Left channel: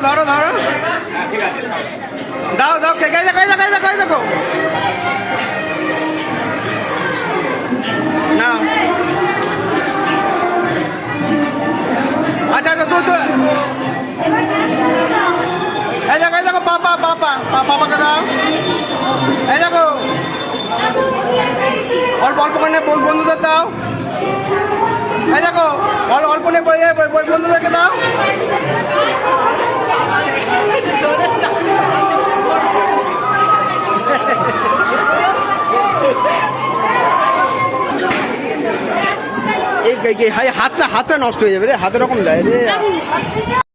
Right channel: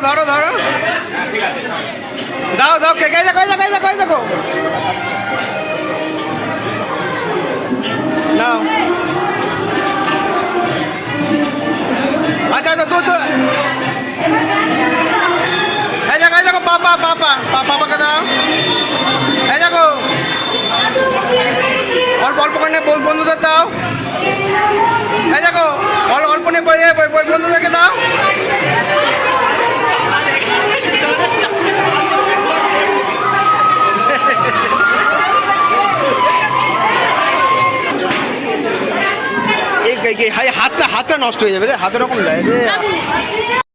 ধরো ধরো দাও দাও কে কে দেখো দেখো দেখো দেখো নাও আচ্ছা আচ্ছা তুই তো এই দেখো পাপা পাপা পাপাকে দাও এই দেখো অল্প অল্প করে বন্ধুদের দাও এই দেখো অল্প নে বন্ধুদেরকে দাও এই হাতটা নষ্ট হয়ে যাবে রে হাতের রকম লাগবে